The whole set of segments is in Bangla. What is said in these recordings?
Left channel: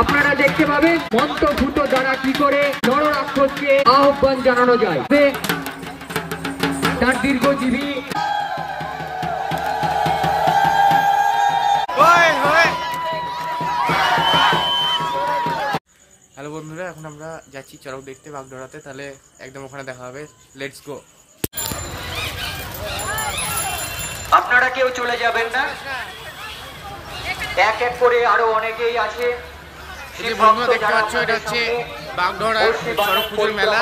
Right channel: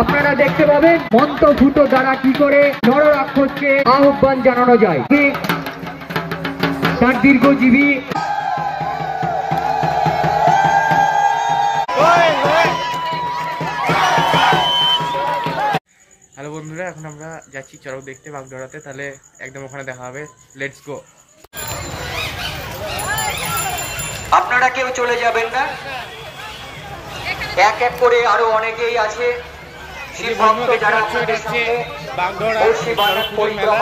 আপনারা দেখতে পাবেন মন্ত্রফুটো দ্বারা কি করে নররাক্ষসকে আহ্বান জানানো যায়। তার দীর্ঘজীবী হ্যালো বন্ধুরা, এখন আমরা যাচ্ছি চড়ক দেখতে বাগডোরাতে, তাহলে একদম ওখানে দেখা হবে। Let's go. আপনারা কেউ চলে যাবেন না, এক এক করে আরো অনেকেই আছে। বন্ধুরা দেখতে পাচ্ছ, এটা হচ্ছে বাগডোরার চড়ক পুজোর মেলা।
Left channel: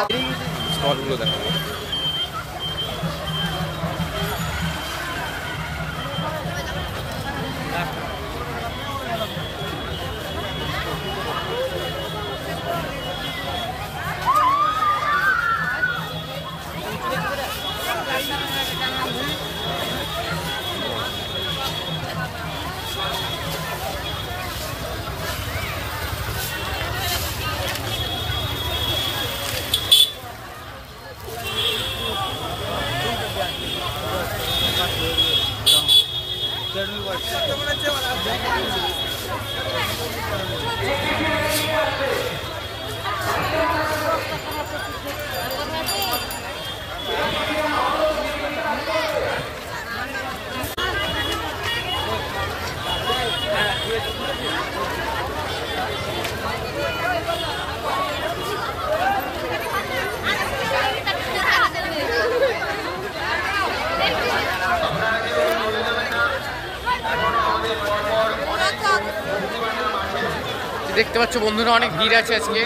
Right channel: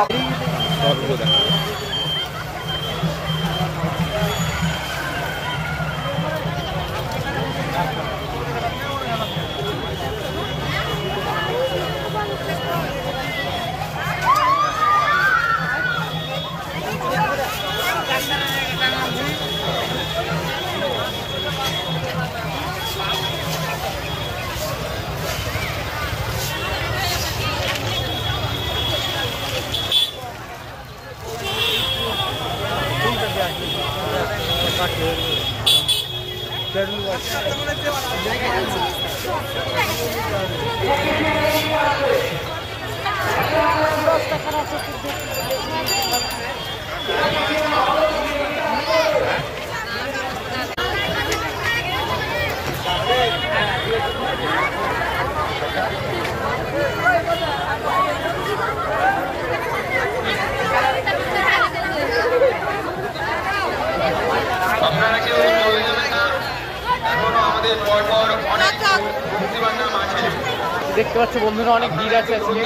দেখতে পাচ্ছ বন্ধুরা, অনেক ভিড় আছে আজকে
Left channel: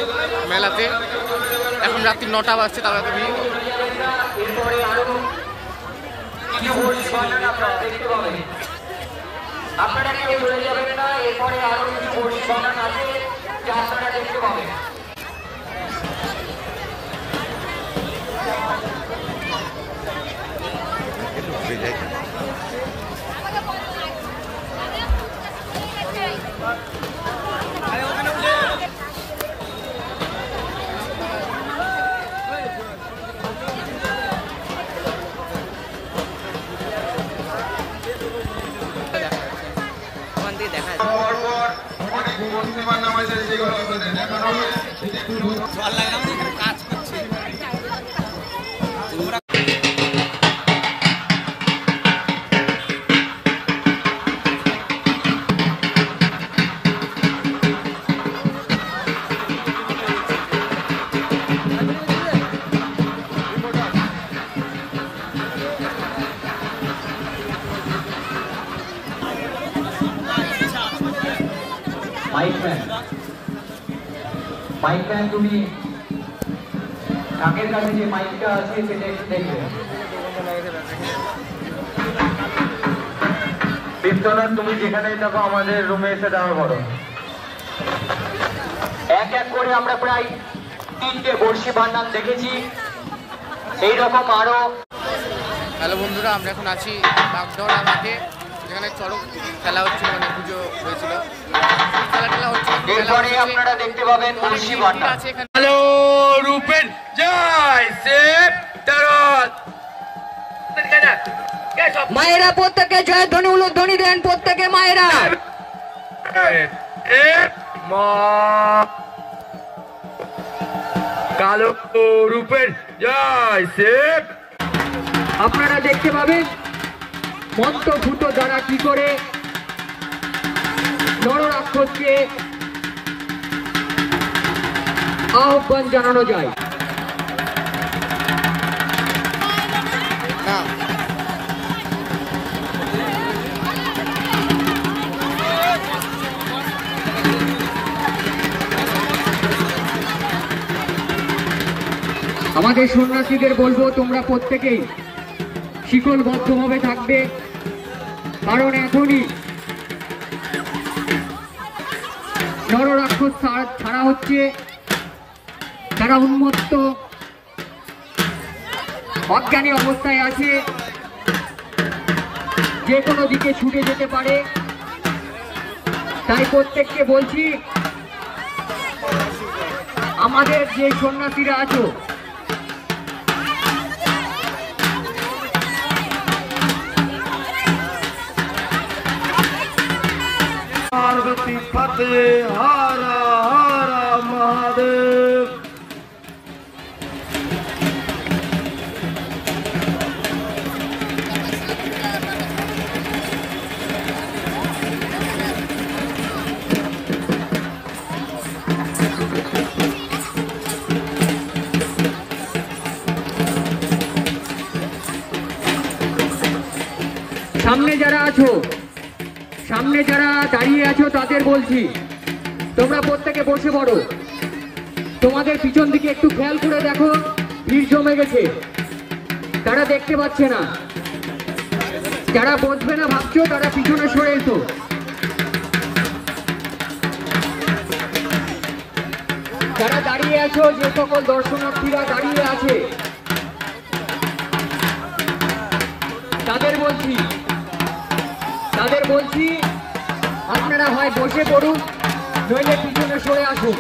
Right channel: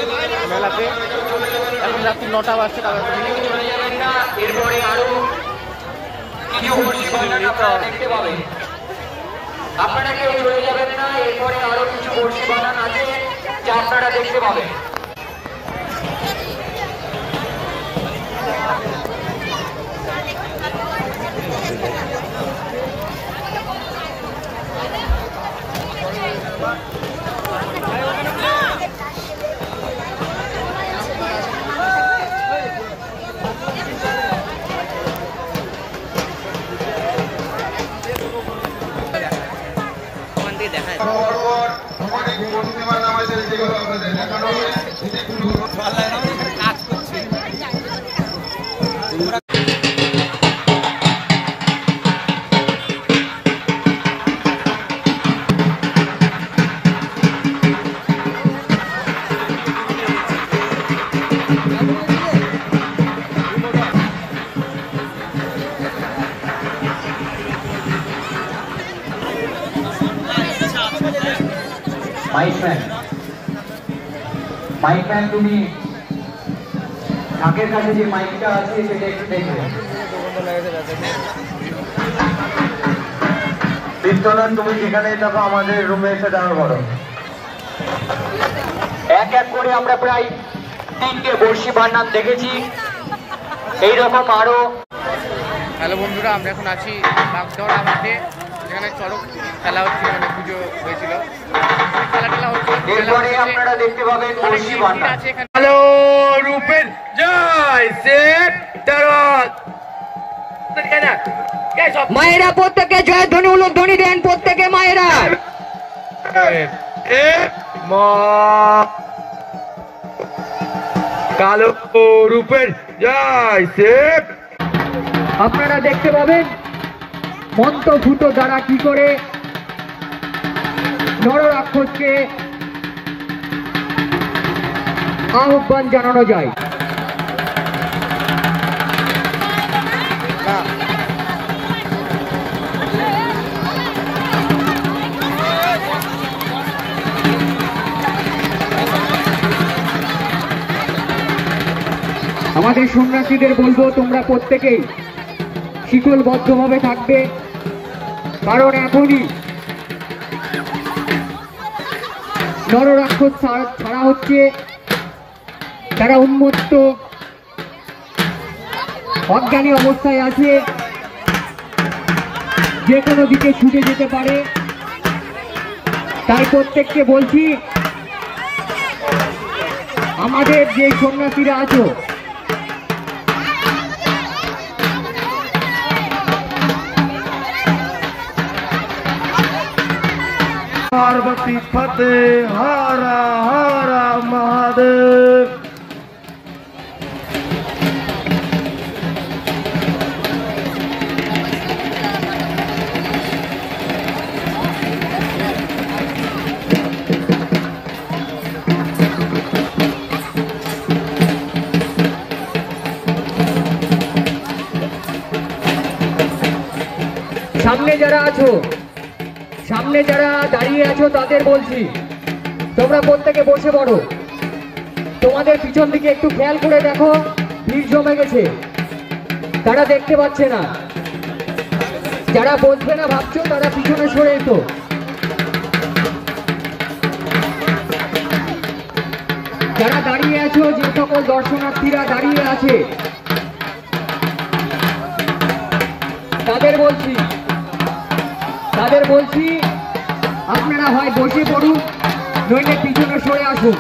মেলাতে। এখন রাত্রি 9টা বাজছে, তবে তুমি আপনারা কেউ চলে যাবেন না, এরপরে আরো কিছু বড়শি বানান আছে যা আপনারা দেখতে পাবেন। অনেক বর্তমান নাম আছে যেগুলো আপনাদের দেখানো হবে। মাইকম্যান, তুমি নাকের কাছে যে মাইকটা আছে সেটা একটু দেখবে। বিশ্বনাথ, তুমি যেখানেই থাকো আমাদের রুমে এসে দেখা করো। এক এক করে আমরা প্রায় 3টে বড়শি বানান দেখেছি, এইরকম আরো। হ্যালো বন্ধুরা, আমরা এখন আছি বাগডোরা মাঠে, যেখানে চড়ক খেলা হচ্ছিল, মানে পুজো হয়েছিল, খেলা হচ্ছে। আপনারা দেখতে পাবেন বড়শি বানান আছে এখানে। হ্যালো রূপেন, জয় সেট তারত। মায়েরা প্রত্যেকে জয় ধ্বনি উলধ্বনি দেন, প্রত্যেকে মায়েরা। কালো রূপেন, জয় সেট। আপনারা দেখতে পাবেন মন্ত্রফুটো দ্বারা কি করে নররাক্ষসকে আহ্বান জানানো যায়। আমাদের সন্ন্যাসীদের বলবো, তোমরা প্রত্যেকেই শিকলবদ্ধভাবে থাকবে, কারণ এখনই নররাক্ষস ছাড়া হচ্ছে। তারা উন্মত্ত অজ্ঞানী অবস্থায় আছে, যে কোনো দিকে ছুটে যেতে পারে। তাই প্রত্যেককে বলছি, আমাদের যে সন্ন্যাসীরা আছো, पार्वती फते हरा সামনে যারা আছো, সামনে যারা দাঁড়িয়ে আছো তাদের বলছি তোমরা প্রত্যেকে বসে পড়ো। তোমাদের পিছন দিকে একটু খেয়াল করে দেখো, ভিড় জমে গেছে, তারা দেখতে পাচ্ছে না। যারা বসবে না ভাবছো তারা পিছনে সরে এসো। যারা দাঁড়িয়ে আছো, যে সকল দর্শনার্থীরা দাঁড়িয়ে আছে তাদের বলছি আপনারা হয় বসে পড়ুন, নইলে পিছনে সরে আসুন,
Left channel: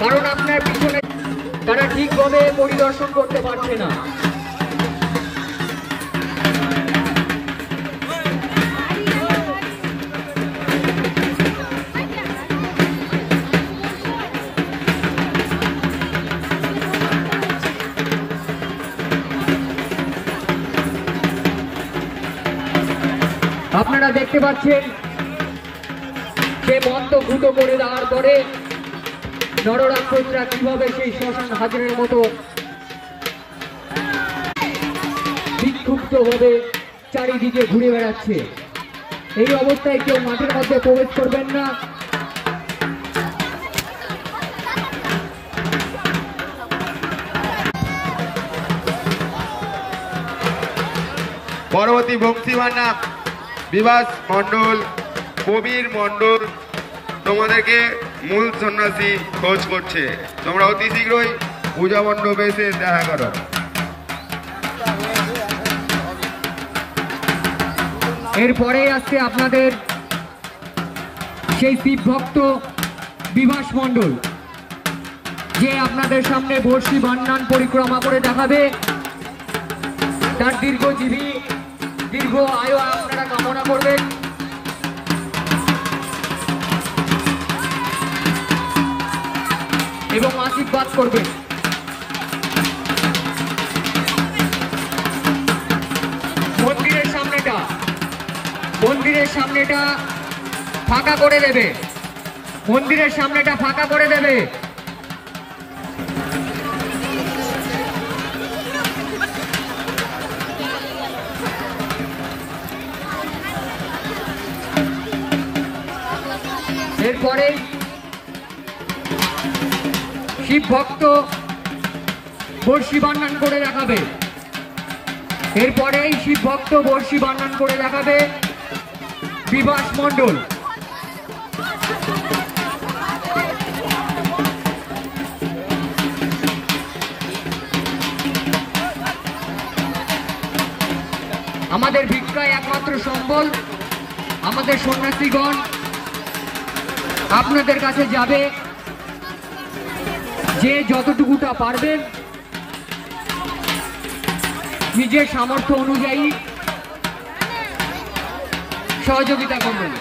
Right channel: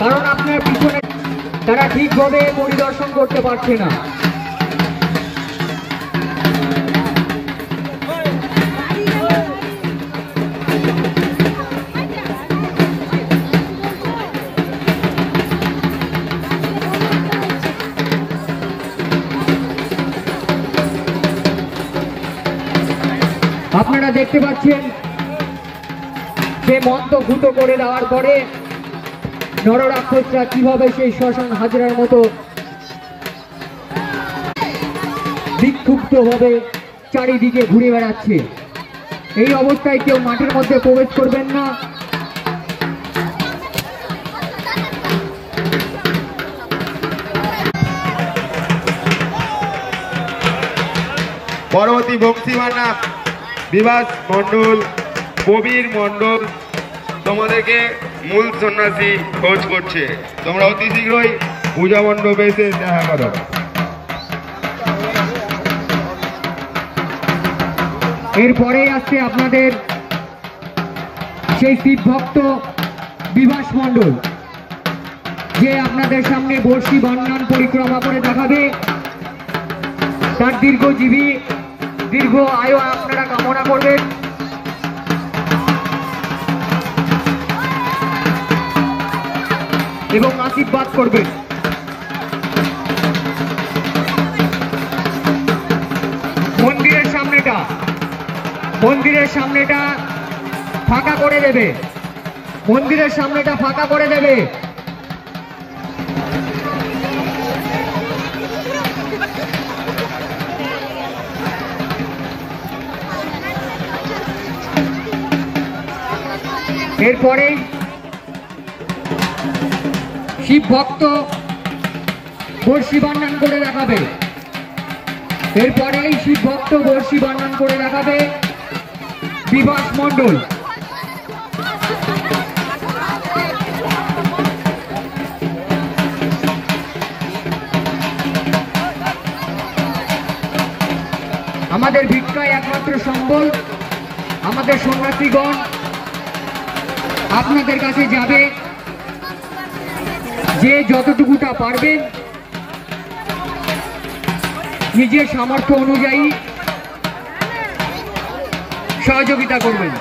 কারণ আপনার পিছনে তারা ঠিকভাবে পরিদর্শন করতে পারছে না। আপনারা দেখতে পাচ্ছেন সে মন্ত্র ভূত করে দেওয়ার পরে নররাক্ষসরা কিভাবে সেই শ্মশান হাজরার মতো বিক্ষুব্ধ ভাবে চারিদিকে ঘুরে বেড়াচ্ছে। এই অবস্থায় কেউ মাঠের মধ্যে প্রবেশ করবেন না। পরবর্তী ভক্তিমার নাম বিভাস মণ্ডল, কবির মণ্ডল তোমাদেরকে মূল সন্ন্যাসী খোঁজ করছে। তোমরা অতি শীঘ্রই পূজা মণ্ডপে এসে দেখা করো। এরপরে আসছে আপনাদের সেই শিব ভক্ত বিভাস মণ্ডল, যে আপনাদের সামনে বর্ষি বান্নান পরিক্রমা করে দেখাবে। তার দীর্ঘজীবী দীর্ঘ আয়ু আপনারা কামনা করবেন। এবং আশীর্বাদ করবেন। মন্দিরের সামনেটা ফাঁকা করে দেবে, মন্দিরের সামনেটা ফাঁকা করে দেবে। এরপরে শিব ভক্ত বর্ষি বান্নান করে দেখাবে। এরপরেই শিব ভক্ত বর্ষি বান্নান করে দেখাবে বিভাস মণ্ডল। আমাদের ভিক্ষায় একমাত্র সম্বল আমাদের সন্ন্যাসীগণ আপনাদের কাছে যাবে, যে যতটুকুটা পারবেন নিজের সামর্থ্য অনুযায়ী সহযোগিতা করবেন।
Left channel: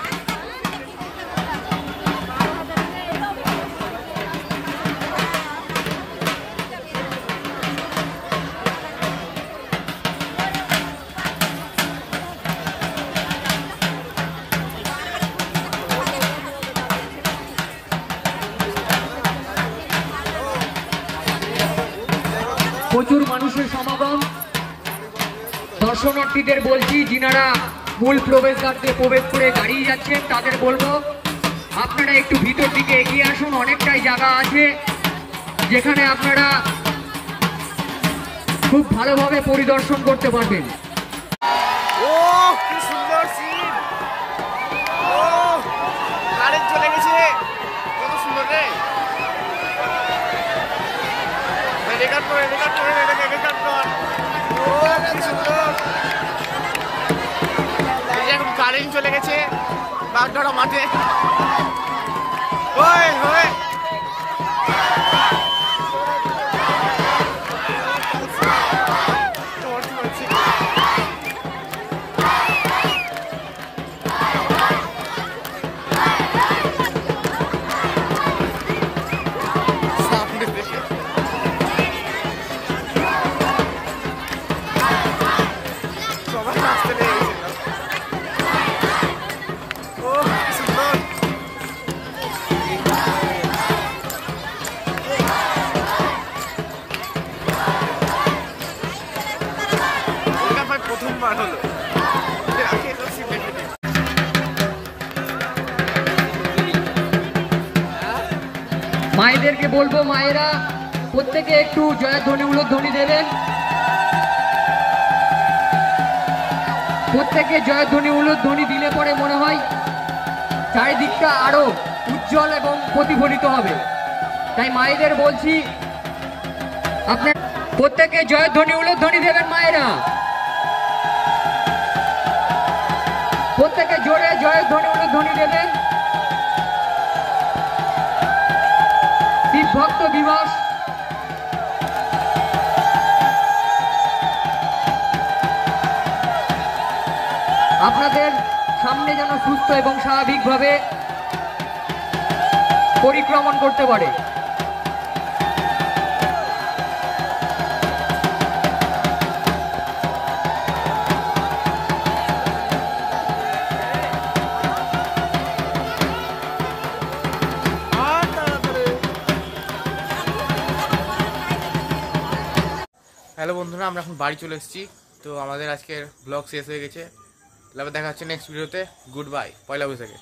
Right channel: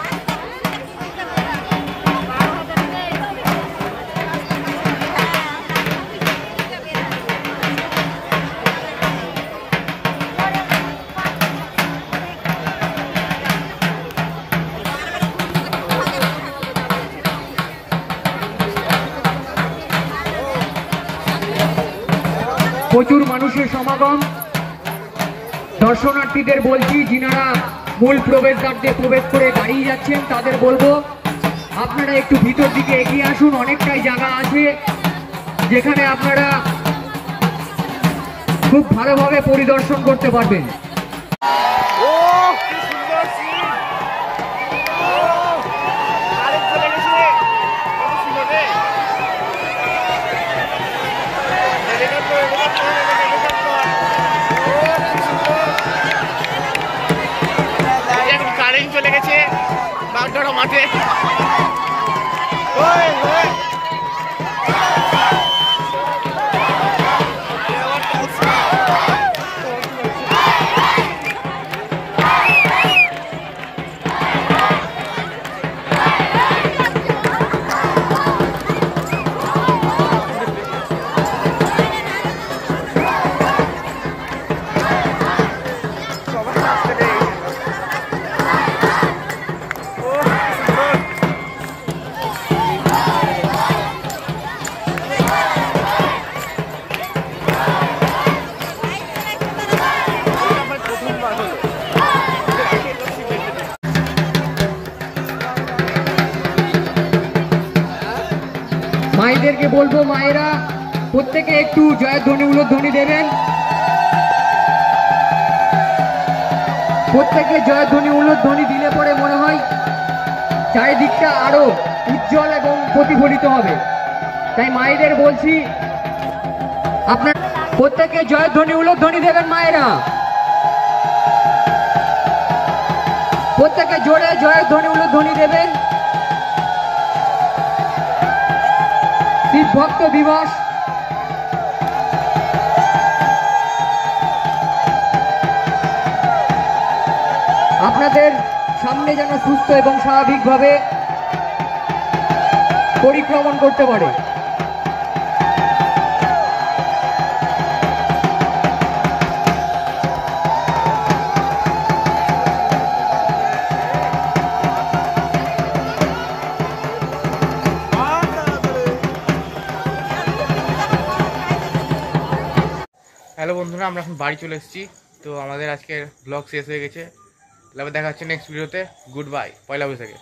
প্রচুর মানুষের সমাগম। দর্শনার্থীদের বলছি, যিনারা মূল প্রবেশদ্বার দিয়ে প্রবেশ করে দাঁড়িয়ে যাচ্ছেন তাদের বলবো আপনারা একটু ভিতর দিকে এগিয়ে আসুন। অনেকটাই জায়গা আছে যেখানে আপনারা খুব ভালোভাবে পরিদর্শন করতে পারবেন। ও কি সুন্দর সিন! ও কারেন্ট চলে গেছে, কত সুন্দর রে! রেকর্ড করে ও কি সুন্দর! এখন কারেন্ট চলে গেছে বাগডোরা মাঠে। ওই ওই আপনাদেরকে বলবো মায়েরা প্রত্যেকে একটু জয়ের ধ্বনি উলুধ্বনি দেবেন। প্রত্যেকে জয়ের ধ্বনি উলুধ্বনি দিলে পরে মনে হয় চারিদিকটা আরো উজ্জ্বল এবং প্রতিফলিত হবে। তাই মায়েদের বলছি আপনার প্রত্যেকে জয়ের ধ্বনি উলুধ্বনি দেবেন। মায়েরা প্রত্যেকে জোরে জয়ের ধ্বনি উলুধ্বনি দেবেন। শিব ভক্ত দিবস আপনাদের সামনে যেন সুস্থ এবং স্বাভাবিকভাবে পরিক্রমণ করতে পারে। হ্যালো বন্ধুরা, আমরা এখন বাড়ি চলে এসেছি। তো আমাদের আজকের ব্লগ শেষ হয়ে গেছে। তাহলে আবার দেখা হচ্ছে নেক্সট ভিডিওতে। গুড বাই, পয়লা বৈশাখে।